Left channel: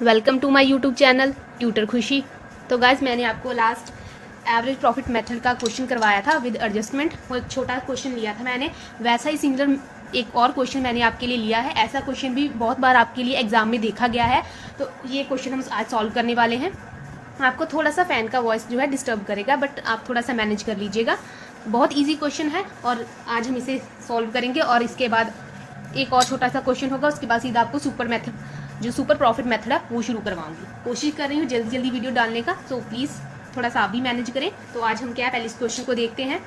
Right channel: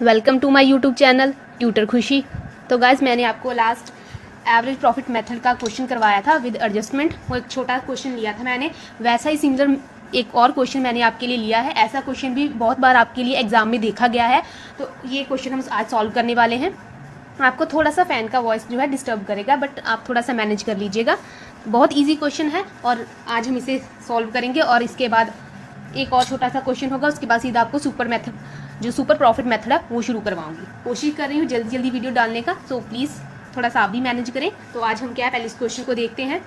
Welcome to my YouTube channel tutor Khushi. तो guys मैंने आपको लास्ट एवरेज प्रॉफिट मेथड का क्वेश्चन करवाया था विद एडजस्टमेंट। वो एक छोटा क्वेश्चन लिया था मैंने, वैसा ही सिमिलर एक और क्वेश्चन मैंने आपके लिए लिया है। ऐसा क्वेश्चन भी बहुत बार आपके लिए एग्जाम में देखा गया है, तो ये क्वेश्चन हम आज सॉल्व करने वाले हैं। आपको थोड़ा सा फैन का वॉइस जो है डिस्टर्ब करेगा, बट आप थोड़ा सा मैनेज कर लीजिएगा। बहुत ईजी क्वेश्चन है और आज हम इसे सॉल्व करेंगे। और इसके बाद एक और छोटा सा क्वेश्चन होगा, उसके बाद सीधा आपको सुपर प्रॉफिट मेथड है वो शुरू करवाऊंगी। कोशिश कर रही हूँ जल्दी जल्दी वीडियो डालने का, तो प्लीज़ थोड़ा सा आप भी मैनेज करें। तो आज हम क्या है, पहले इस क्वेश्चन को देखते हैं।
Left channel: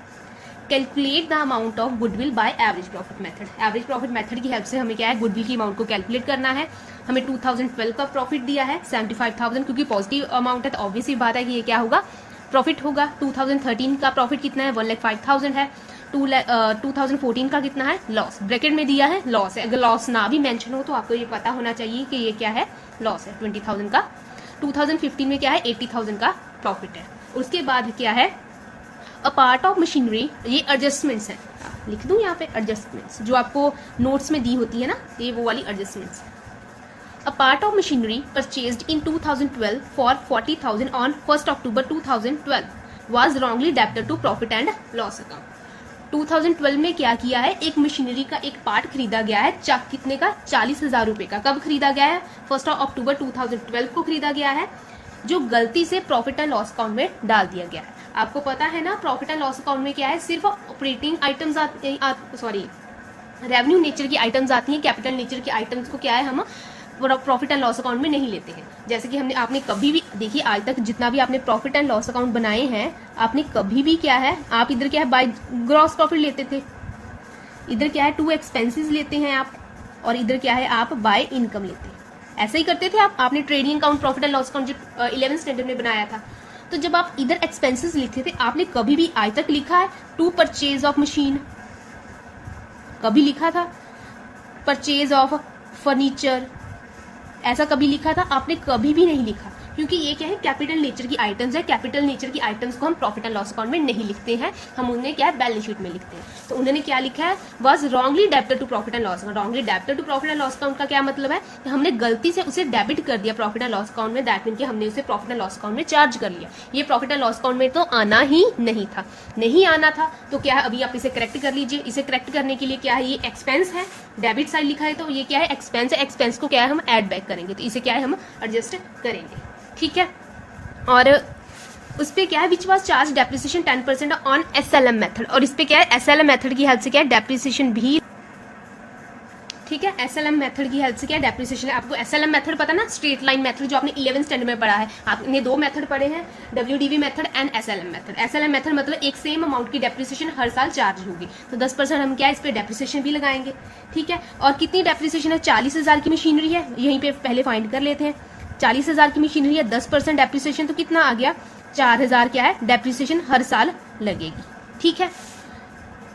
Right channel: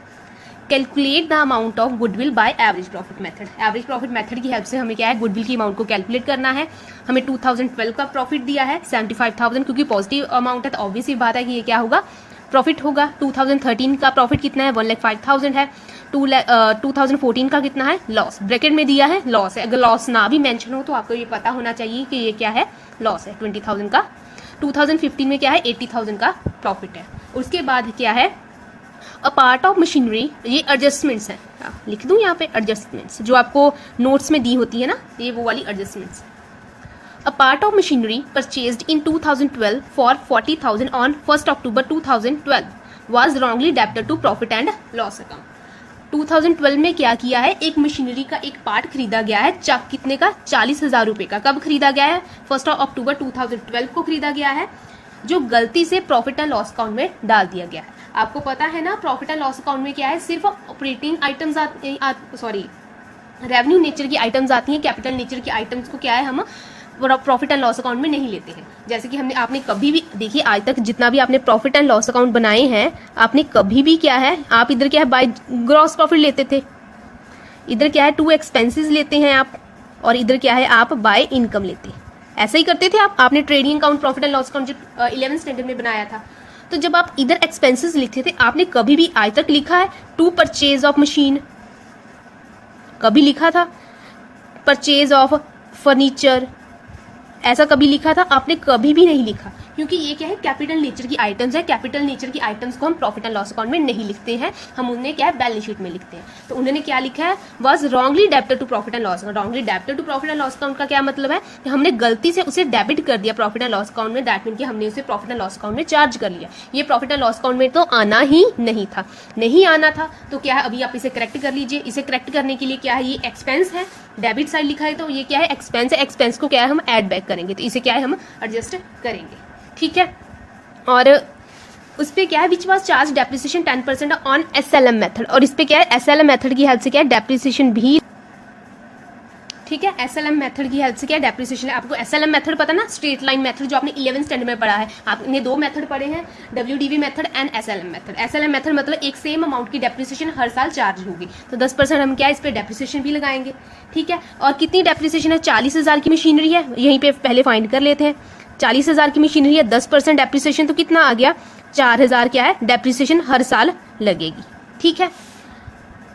Calculate the amount of goodwill by average profit method. Average profit method की हेल्प से हमें क्या है, गुडविल की अमाउंट को कैलकुलेट करना है। हमें 2012 का प्रॉफिट दिया है 75,000, क्योंकि पॉजिटिव अमाउंट है तो ऑब्वियसली बात है कि ये क्या होगा, प्रॉफिट होगा। 2013 का प्रॉफिट कितना है, 1,05,000 है। 2014 का कितना है, लॉस, ब्रैकेट में दिया है लॉस है। अगर लॉस ना भी मेंशन हो तो आपको ये पता होना चाहिए कि ये क्या है, लॉस है 20,000 का। 2015 में क्या है, 80,000 का प्रॉफिट है। उसके बाद क्या है, अ पार्ट ऑफ मशीनरी, ये एडजस्टमेंट्स है, लिख दूं यहाँ पे एडजस्टमेंट्स जो आपको नोट्स में दी होती है ना, ये वो वाली adjustments. A part of machinery purchased in 2012 for 40,000 on 1 October 2012 was wrongly debited to profit and loss account. 2012 में क्या किया है, एक मशीनरी का एक पार्ट खरीदा गया है, कितने का, 40,000 रुपए का। कब खरीदा गया है, 1 अक्टूबर 2012 को खरीदा गया है, जो गलती से प्रॉफिट एंड लॉस अकाउंट में डाल दिया गया है। आपको पता है ना, प्रॉफिट एंड लॉस अकाउंट में क्या है, सिर्फ ऑपरेटिंग आइटम्स रेवेन्यू नेचर की आइटम्स आती हैं। कैपिटल नेचर की आइटम्स को क्या है, हम प्रॉफिट एंड लॉस अकाउंट में नहीं लेते हैं। जैसे कि आपने कभी भी देखिए, आज तक जितना भी आपने प्रॉफिट एंड लॉस अकाउंट बनाए हैं, आपने कभी भी क्या है, आप इधर क्या है, बाय ग्रॉस प्रॉफिट लेते थे, इधर क्या है टू एक्सपेंसेस लेते हैं आप, और इधर क्या है, आप बाय इनकम लेते हैं। ऐसा ही करते थे आप। आपने trading account, profit and loss account जो 11th स्टैंडर्ड में बनाया था, तो जब आप इधर एक्सपेंसेस लिखते थे, आपने कभी भी आज तक लिखा है टू परचेज ऑफ मशीन, कभी लिखा था परचेज ऑफ फर्नीचर, ऐसा कभी लिखा था, आपने कभी भी नहीं लिखा। क्योंकि ये क्या है, कैपिटल नेचर की आइटम्स है। कैपिटल नेचर की आइटम्स को हम प्रॉफिट एंड लॉस अकाउंट में नहीं लिखते हैं, हम उन्हें क्या है, बैलेंस शीट में लिखते हैं। तो उन्होंने क्या लिखा है, was wrongly debited to profit and loss account. Wrongly debited to profit and loss account का क्या मतलब है कि हमने गलती से उसे डेबिट कर दिया प्रॉफिट एंड लॉस अकाउंट में। दैट मीन कि हमने उसे प्रॉफिट एंड लॉस अकाउंट में चार्ज कर लिया। ये प्रॉफिट एंड लॉस अकाउंट में तो आना ही नहीं था, नहीं आना था। तो क्या है, अभी आप इसे करेक्ट कर लीजिए। इसे करेक्ट करने के लिए क्या है, ये एक्सपेंस है, डेबिट साइड लिखा है तो ये क्या है, एक्सपेंस है। एक्सपेंस को क्या है, हम एड बैक करेंगे, तो इसे क्या है, हम एडजस्ट करेंगे, ठीक है। और उस पे क्या है, which was charge depreciation 10% on SLM method. और इस पे क्या है, SLM मेथड की हेल्प से क्या है, डेप्रिसिएशन भी, ठीक है। SLM मेथड की हेल्प से क्या है, डेप्रिसिएशन है। आपको SLM मेथड पता ना, स्ट्रेट लाइन मेथड, जो आपने 11th स्टैंडर्ड में पढ़ा है। आपने दो मेथड पढ़े हैं, WDV method and SLM method. SLM method मतलब एक सेम अमाउंट की डेप्रिसिएशन हर साल चार्ज होगी, तो 10% हम क्या है, इस पे डेप्रिसिएशन भी लगाएंगे, ठीक है। और कितनी डेप्रिसिएशन है, 40,000 की मशीनरी है, यहीं पे पहले फाइंड कर लेते हैं। 40,000 की मशीनरी है, 10% डेप्रिसिएशन, तो कितना आ गया, 4,000 क्या है, डेप्रिसिएशन हर साल लगेगी, ठीक है।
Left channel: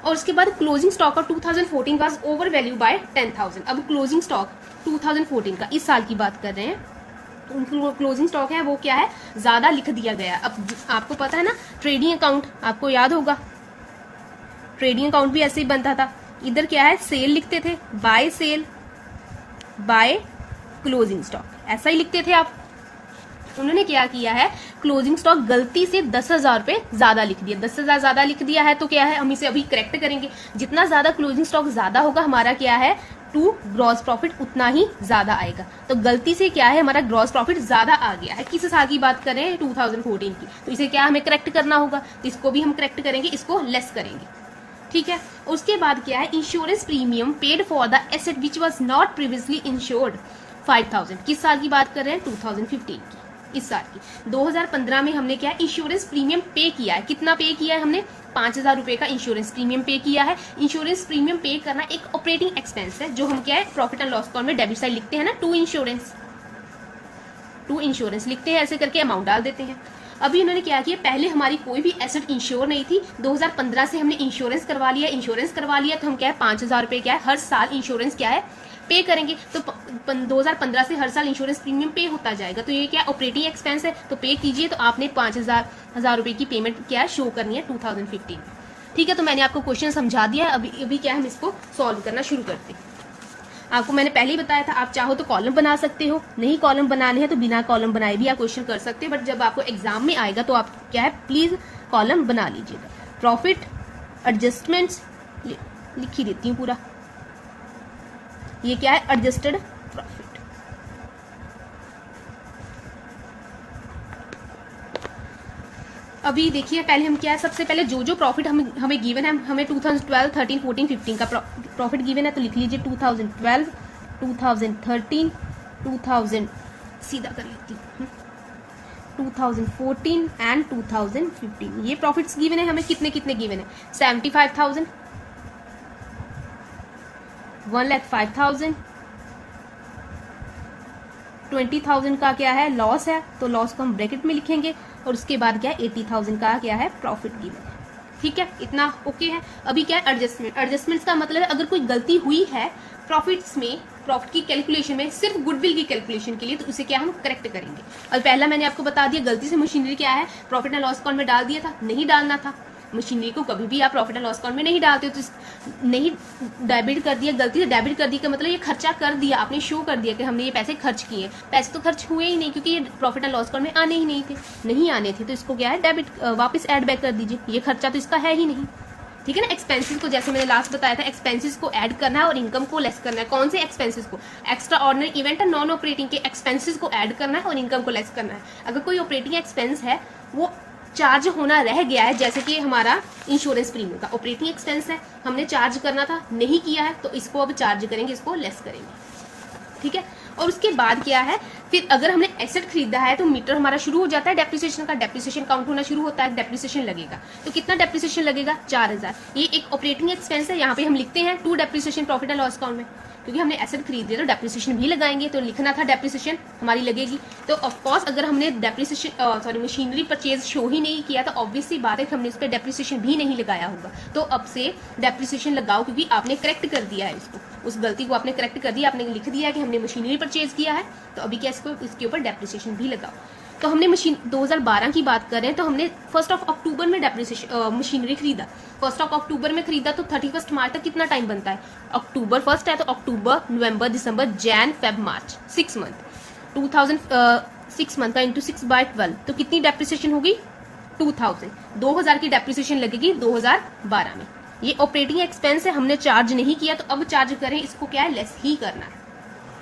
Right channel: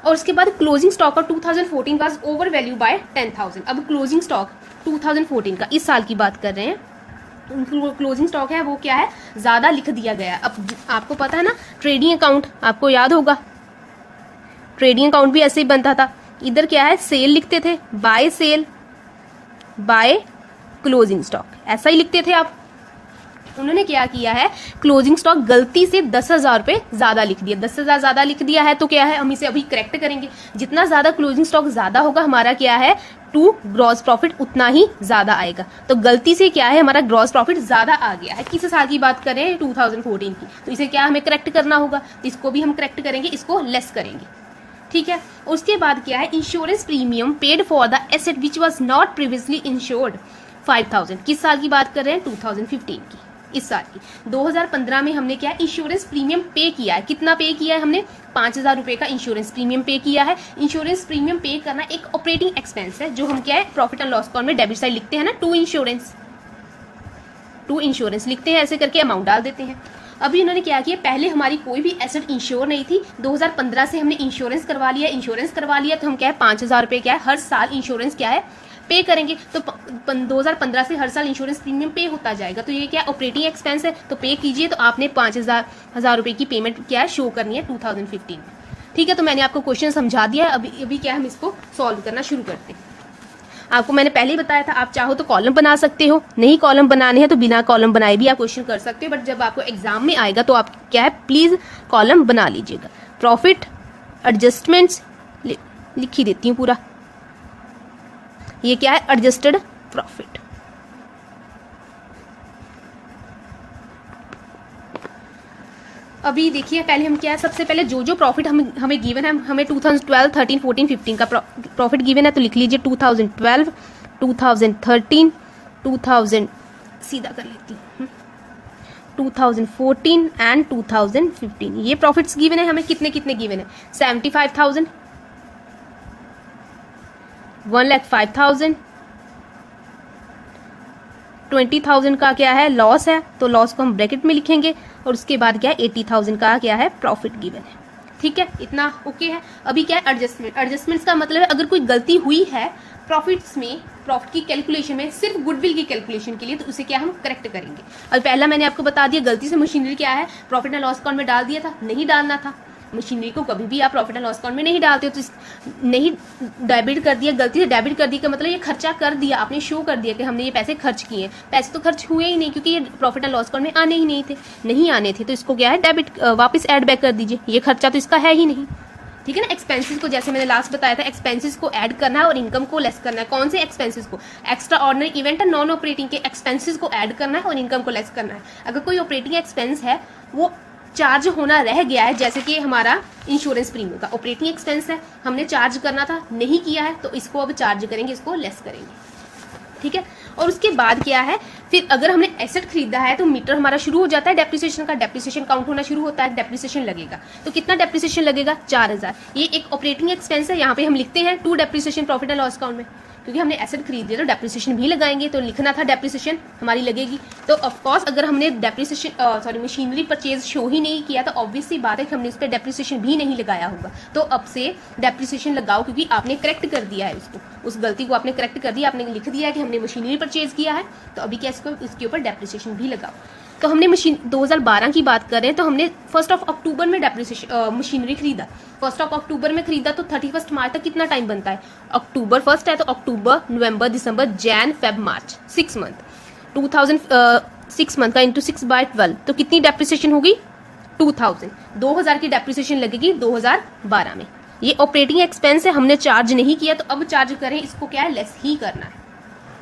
और उसके बाद closing stock of 2014 was over value by 10,000। अब क्लोजिंग स्टॉक 2014 का, इस साल की बात कर रहे हैं, क्लोजिंग स्टॉक है वो क्या है, ज्यादा लिख दिया गया है। अब आपको पता है ना, ट्रेडिंग अकाउंट आपको याद होगा, ट्रेडिंग अकाउंट भी ऐसे ही बनता था। इधर क्या है, सेल लिखते थे, by sale by closing stock, ऐसा ही लिखते थे आप। उन्होंने क्या किया है, क्लोजिंग स्टॉक गलती से 10,000 रुपए ज्यादा लिख दिया। 10,000 ज्यादा लिख दिया है, तो क्या है, हम इसे अभी करेक्ट करेंगे। जितना ज्यादा क्लोजिंग स्टॉक ज्यादा होगा, हमारा क्या है, टू ग्रॉस प्रॉफिट उतना ही ज्यादा आएगा। तो गलती से क्या है, हमारा ग्रॉस प्रॉफिट ज्यादा आ गया है। किस साल की बात कर रहे हैं, 2014 की। तो इसे क्या हमें करेक्ट करना होगा, इसको भी हम करेक्ट करेंगे, इसको लेस करेंगे, ठीक है। उसके बाद क्या है, insurance premium paid for the asset which was not previously insured 5,000। किस साल की बात कर रहे हैं, 2015 की, इस साल की। 2015 में हमने क्या है, इंश्योरेंस प्रीमियम पे किया है। कितना पे किया है हमने, 5,000 रुपए का इंश्योरेंस प्रीमियम पे किया है। इंश्योरेंस प्रीमियम पे करना एक ऑपरेटिंग एक्सपेंस है, जो हम क्या है, प्रॉफिट एंड लॉस अकाउंट में डेबिट साइड लिखते हैं ना, टू इंश्योरेंस लिखते हैं, ऐसे करके अमाउंट डाल देते हैं। अभी उन्होंने क्या किया, पहले हमारी कोई भी एसेट इंश्योर नहीं थी, 2015 से हमने इंश्योरेंस करवा लिया। तो हम क्या है, 5,000 रुपए क्या है, हर साल इंश्योरेंस क्या है, पे करेंगे। तो 2015 से हर साल इंश्योरेंस प्रीमियम पे होता जाएगा। तो ये क्या ऑपरेटिंग एक्सपेंस है, तो पे कीजिए। तो आपने 5,000 रुपए की पेमेंट क्या है, शो करनी है 2015 में, ठीक है। तो मैंने आपको क्वेश्चन समझा दिया है। अभी क्या हम इसको सॉल्व करना शुरू करते हैं। आपको मैंने पहले ही बताया था, आप चाहो तो कॉलम बना सकते हो, नहीं कॉलम बनाने हैं तो बिना कॉलम बनाए भी आप क्वेश्चन कर सकते हो, बट जब आपको एग्जाम में आएगा तो आप क्या है प्लीज कॉलम बना लीजिएगा। प्रॉफिट एडजस्टमेंट्स लिख ही देती हूँ पूरा, ये क्या है एडजस्टेड प्रॉफिट। अभी देखिए पहले हम क्या है, सबसे पहले जो प्रॉफिट हमें गिवन है, हमें 2012, 13, 14, 15 का प्रॉफिट गिवन है, तो लिख लीजिए 2012, 2013, 2000 सीधा कर लेती हूँ 2014 एंड 2015 ये प्रॉफिट्स गिवन है हमें। कितने कितने गिवन है? 75,000, 1,05,000, 20,000 का क्या है लॉस है, तो लॉस को हम ब्रैकेट में लिखेंगे, और उसके बाद क्या है 80,000 का क्या है प्रॉफिट गिवन है। ठीक है, इतना ओके है। अभी क्या है एडजस्टमेंट। एडजस्टमेंट्स का मतलब है अगर कोई गलती हुई है प्रॉफिट्स में, प्रॉफिट की कैलकुलेशन में, सिर्फ गुडविल की कैलकुलेशन के लिए, तो उसे क्या हम करेक्ट करेंगे। और पहला मैंने आपको बता दिया, गलती से मशीनरी क्या है प्रॉफिट एंड लॉस अकाउंट में डाल दिया था, नहीं डालना था। मशीनरी को कभी भी आप प्रॉफिट एंड लॉस अकाउंट में नहीं डालते, तो नहीं डेबिट कर दिया, गलती से डेबिट कर दिया का मतलब ये खर्चा कर दिया, आपने शो कर दिया कि हमने ये पैसे खर्च किए। पैसे तो खर्च हुए ही नहीं, क्योंकि ये प्रॉफिट एंड लॉस अकाउंट में आने ही नहीं थे, नहीं आने थे, तो इसको क्या है डेबिट वापस ऐड बैक कर दीजिए, ये खर्चा तो इसका है ही नहीं। ठीक है ना। एक्सपेंसेस को जैसे मैंने लास्ट बताया था, एक्सपेंसेस को ऐड करना है और इनकम को लेस करना है। कौन से एक्सपेंसेस को? एक्स्ट्रा ऑर्डिनरी इवेंट और नॉन ऑपरेटिंग के एक्सपेंसेस को ऐड करना है और इनकम को लेस करना है। अगर कोई ऑपरेटिंग एक्सपेंस है वो चार्ज होना रह गया है, जैसे कि हमारा इंश्योरेंस प्रीमियम का ऑपरेटिंग एक्सपेंस है, हमने चार्ज करना था नहीं किया है, तो इसको अब चार्ज करेंगे, इसको लेस करेंगे। ठीक है। और उसके बाद क्या है, फिर अगर हमने एसेट खरीदा है तो मीटर हमारा शुरू हो जाता है डेप्रिसिएशन का, डेप्रिसिएशन काउंट होना शुरू होता है, डेप्रिसिएशन लगेगा। तो कितना डेप्रिसिएशन लगेगा? 4,000। ये एक ऑपरेटिंग एक्सपेंस है, यहाँ पे हम लिखते हैं to depreciation profit and loss account में, क्योंकि हमने एसेट खरीद लिया तो डेप्रिसिएशन भी लगाएंगे, तो लिखना था डेप्रिसिएशन हमारी लगेगी। तो ऑफकोर्स अगर हमने डेप्रिसिएशन मशीनरी परचेज शो ही नहीं किया तो ऑब्वियस सी बात है कि हमने उस पर डेप्रिसिएशन भी नहीं लगाया होगा। तो अब से डेप्रिसिएशन लगाओ, क्योंकि आपने करेक्ट कर दिया है इसको, उस गलती को आपने करेक्ट कर दिया, आपने लिख दिया है कि हमने मशीनरी परचेज किया है, तो अभी क्या इसको इसके ऊपर डेप्रिसिएशन भी लगाओ। तो हमने मशीन 2012 की बात कर रहे हैं, तो हमने 1 अक्टूबर में डेप्रिसिएशन मशीनरी खरीदा, 1 अक्टूबर में खरीदा, तो 31 मार्च तक कितना टाइम बनता है? अक्टूबर 1 है तो अक्टूबर, नवंबर, दिसंबर, जैन, फेब, मार्च, 6 मंथ। 6 मंथ का इंटू 6/12, तो कितनी डेप्रिसिएशन होगी? 2000 की डेप्रिसिएशन लगेगी 2012 में। ये ऑपरेटिंग एक्सपेंस है, हमने चार्ज नहीं किया, तो अब चार्ज करें, इसको क्या है लेस ही करना है,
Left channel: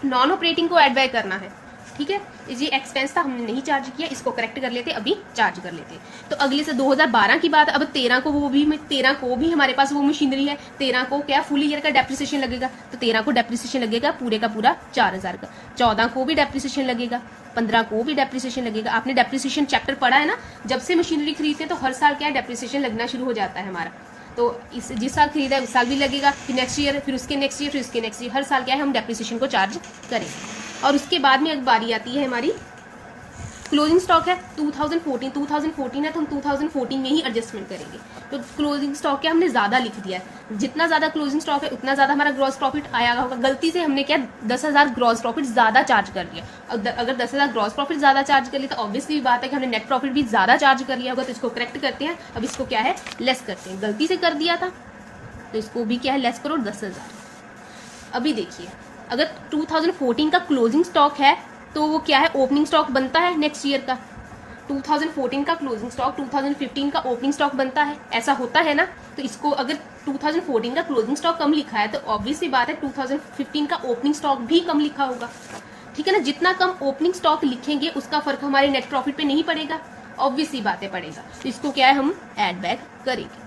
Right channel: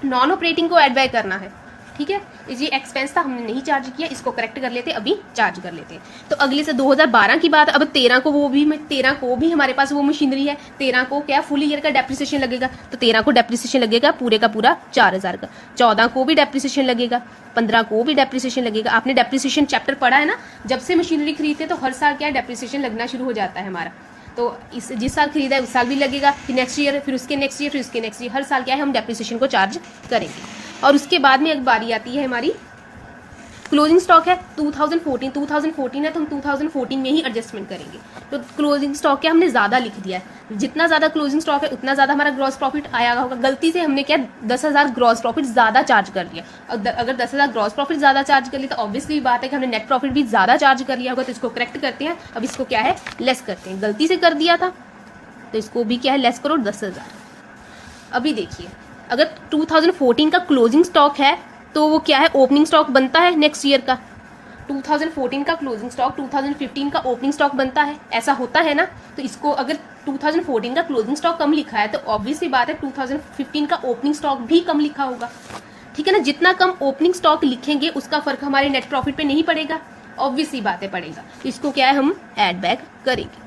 नॉन ऑपरेटिंग को एड बैक करना है। ठीक है, ये एक्सपेंस था, हमने नहीं चार्ज किया, इसको करेक्ट कर लेते, अभी चार्ज कर लेते। तो अगले से 2012 की बात, अब 13 को भी हमारे पास वो मशीनरी है, 13 को क्या फुल ईयर का डेप्रिसिएशन लगेगा, तो 13 को डेप्रिसिएशन लगेगा पूरे का पूरा 4,000 का। 14 को भी डेप्रिसिएशन लगेगा, 15 को भी डेप्रिसिएशन लगेगा। आपने डेप्रिसिएशन चैप्टर पढ़ा है ना, जब से मशीनरी खरीदते हैं तो हर साल क्या डेप्रिसिएशन लगना शुरू हो जाता है हमारा। तो इस जिस साल खरीदा है उस साल भी लगेगा, फिर नेक्स्ट ईयर, फिर उसके नेक्स्ट ईयर, फिर उसके नेक्स्ट ईयर, हर साल क्या है हम डेप्रिसिएशन को चार्ज करेंगे। और उसके बाद में एक बारी आती है हमारी क्लोजिंग स्टॉक है 2014 है, तो हम 2014 में ही एडजस्टमेंट करेंगे। तो क्लोजिंग स्टॉक क्या हमने ज्यादा लिख दिया है, जितना ज्यादा क्लोजिंग स्टॉक है उतना ज्यादा हमारा ग्रॉस प्रॉफिट आया होगा। गलती से हमने क्या 10,000 ग्रॉस प्रॉफिट ज्यादा चार्ज कर लिया। अगर 10,000 ग्रॉस प्रॉफिट ज्यादा चार्ज कर लिया तो ऑब्वियसली बात है कि हमने नेट प्रॉफिट भी ज्यादा चार्ज कर लिया होगा, तो इसको करेक्ट करते हैं। अब इसको क्या है लेस करते हैं, गलती से कर दिया था तो इसको भी क्या है लेस करो 10,000। अभी देखिए अगर 2014 का क्लोजिंग स्टॉक है तो वो क्या है ओपनिंग स्टॉक बनता है नेक्स्ट ईयर का। 2014 का क्लोजिंग स्टॉक 2015 का ओपनिंग स्टॉक बनता है, ऐसा होता है ना। तो इसको अगर 2014 का क्लोजिंग स्टॉक कम लिखा है तो ऑब्वियसली बात है 2015 का ओपनिंग स्टॉक भी कम लिखा होगा। ठीक है ना, जितना कम ओपनिंग स्टॉक लिखेंगे उसका फर्क हमारे नेट प्रॉफिट पे नहीं पड़ेगा, ऑब्वियसली बातें पड़ेगा। तो इसको क्या है हम ऐड बैक करेंगे।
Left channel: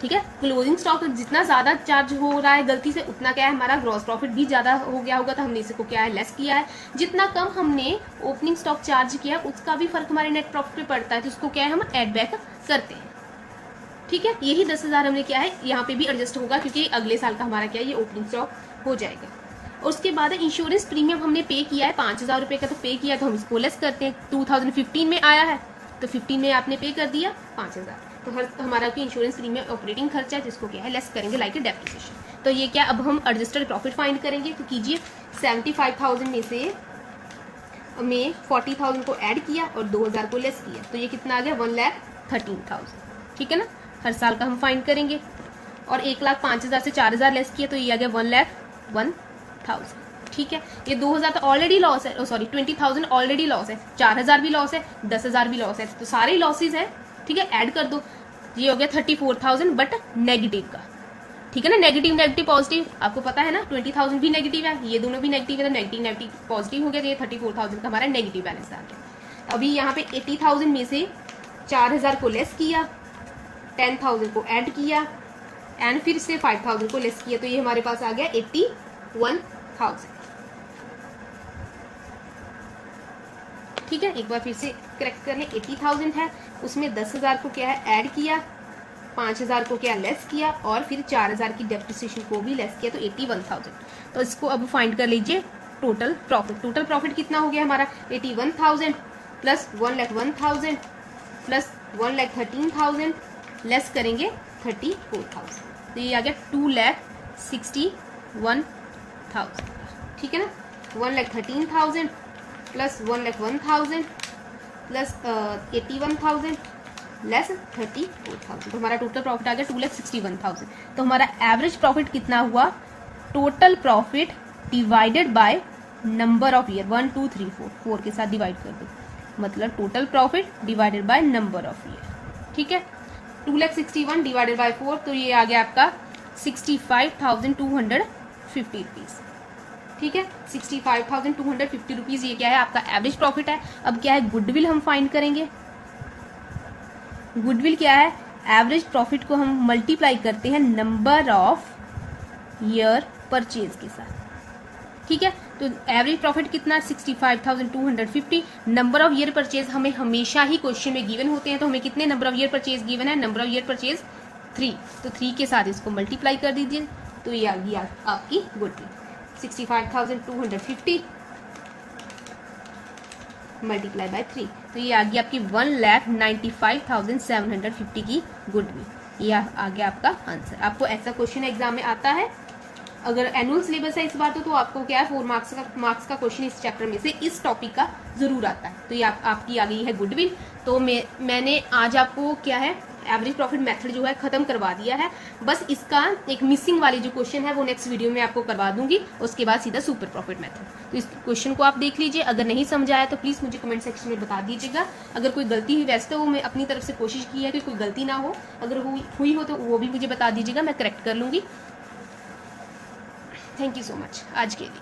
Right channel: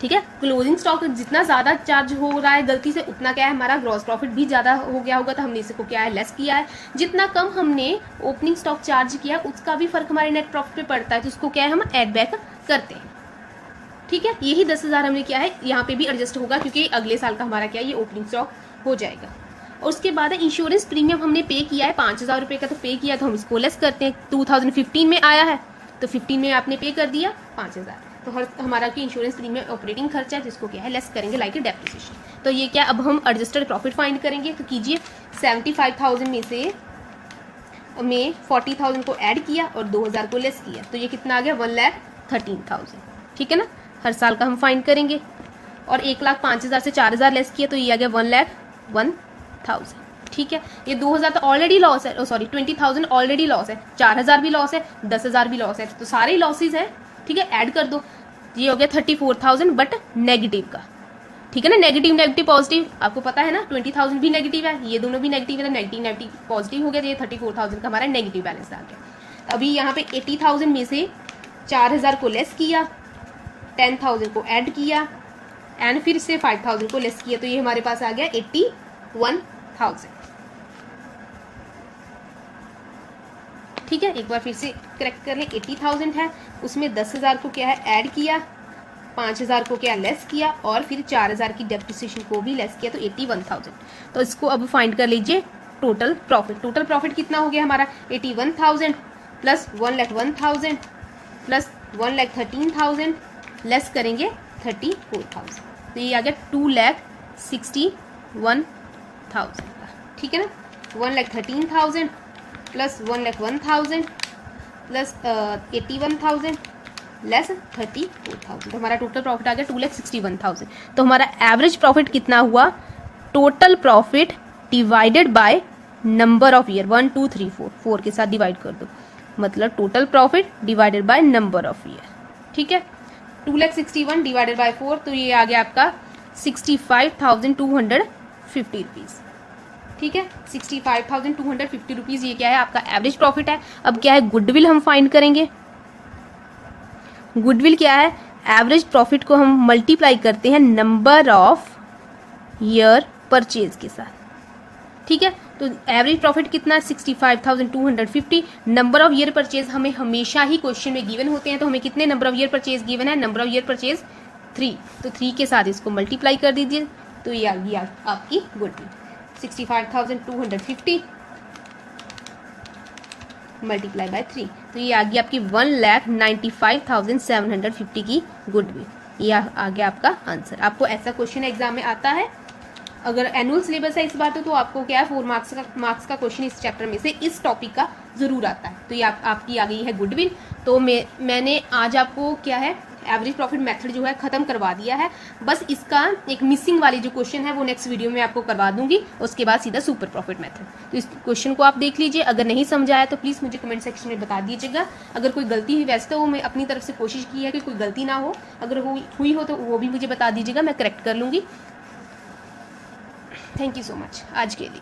ठीक है, क्लोजिंग स्टॉक जितना ज्यादा चार्ज हो रहा है गलती से उतना क्या है हमारा ग्रॉस प्रॉफिट भी ज्यादा हो गया होगा, तो हमने इसको क्या है लेस किया है। जितना कम हमने ओपनिंग स्टॉक चार्ज किया उसका भी फर्क हमारे नेट प्रॉफिट पे पड़ता है, तो इसको क्या है हम ऐड बैक करते हैं। ठीक है, यही 10,000 हमने क्या है यहाँ पे भी एडजस्ट होगा, क्योंकि अगले साल का हमारा क्या है ये ओपनिंग स्टॉक हो जाएगा। और उसके बाद इंश्योरेंस प्रीमियम हमने पे किया है 5,000 रुपए का, तो पे किया तो हम इसको लेस करते हैं। 2015 में आया है तो 15 में आपने पे कर दिया 5,000, तो हमारा की इंश्योरेंस प्रीमियम ऑपरेटिंग खर्चा है, जिसको क्या है लेस करेंगे लाइक डेप्रिसिएशन। तो ये क्या अब हम एडजस्टेड प्रॉफिट फाइंड करेंगे। तो कीजिए 75,000 में से में 40,000 को ऐड किया और 2,000 को लेस किया, तो ये कितना आ गया 1,13,000। ठीक है ना, हर साल का हम फाइंड करेंगे। और 1,05,000 से 4,000 लेस किया तो ये आ गया 1000, ठीक है। ये 2000 तो ऑलरेडी लॉस है, सॉरी 20,000 ऑलरेडी लॉस है, 4000 भी लॉस है, 10,000 भी लॉस है, तो सारे लॉसेज है, ठीक है। ऐड कर दो, ये हो गया 34,000 बट नेगेटिव का, ठीक है ना। नेगेटिव नेगेटिव पॉजिटिव आपको पता है ना, 20,000 भी नेगेटिव है, ये दोनों भी नेगेटिव है, तो नेगेटिव नेगेटिव पॉजिटिव हो गया, तो ये 34,000 का हमारा नेगेटिव बैलेंस आ गया। अभी यहाँ पे 80,000 में से 4,000 को लेस किया, 10,000 को ऐड किया एंड फिर से 5,000 को लेस किया, तो ये हमारे पास आ गया 81,000, ठीक है। एक बार फिर से करेक्ट कर ले, 80,000 है, उसमें 10,000 को क्या है ऐड किया, 5,000 को क्या लेस किया और फिर 4,000 की डेप्रिसिएशन को भी लेस किया, तो 81,000। तो इसको अब फाइंड कर लीजिए टोटल प्रॉफिट। टोटल प्रॉफिट कितना हो गया हमारा, 81,000 प्लस 1,01,000 प्लस 1,13,000 लेस करेंगे 34,000, तो ये आ गया 2,61,000, ठीक है ना। 1,13,000 प्लस 1,01,000 प्लस 81,000 लेस 34,000, तो हमारा टोटल प्रॉफिट आ गया 2,61,000। तो हमारा एवरेज प्रॉफिट कितना हुआ, total profit divided by number of year, 1 2 3 4, 4 के साथ डिवाइड कर दो, मतलब total profit divided by number of year, ठीक है। 2,61,000 डिवाइडेड बाय 4, तो ये आ गया आपका 65,250 रुपीज, ठीक है। 65,250 रुपीज, ये क्या है आपका एवरेज प्रॉफिट है। अब क्या है, गुडविल हम फाइंड करेंगे। गुडविल क्या है, एवरेज प्रॉफिट को हम मल्टीप्लाई करते हैं नंबर ऑफ ईयर परचेज के साथ, ठीक है। तो एवरेज प्रॉफिट कितना है, 65,250। नंबर ऑफ ईयर परचेज हमें हमेशा ही क्वेश्चन में गिवन होते हैं, तो हमें कितने number of year purchase given है, नंबर ऑफ ईयर परचेज 3, तो 3 के साथ इसको मल्टीप्लाई कर दीजिए, तो ये आ गई आपकी गुडविल। 65,250 मल्टीप्लाई बाय 3, तो ये आ गई आपकी 1,95,750 की गुडविल। ये आ गया आपका आंसर। आपको ऐसा क्वेश्चन एग्जाम में आता है, अगर एनुअल सिलेबस है इस बात तो आपको क्या है 4 मार्क्स का क्वेश्चन इस चैप्टर में से इस टॉपिक का जरूर आता है। तो ये आपकी आ गई है गुडविल। तो मैंने आज आपको क्या है एवरेज प्रॉफिट मेथड जो है खत्म करवा दिया है, बस इसका एक मिसिंग वाली जो क्वेश्चन है वो नेक्स्ट वीडियो में आपको करवा दूंगी, उसके बाद सीधा सुपर प्रॉफिट मेथड। तो इस क्वेश्चन को आप देख लीजिए, अगर नहीं समझ आया तो प्लीज मुझे कमेंट सेक्शन में बता दीजिएगा। अगर कोई गलती हुई, वैसे तो मैं अपनी तरफ से कोशिश की है कि कोई गलती ना हो, अगर हुई हो तो वो भी मुझे बता दीजिएगा, मैं करेक्ट कर लूंगी। थैंक यू सो मच आज के लिए।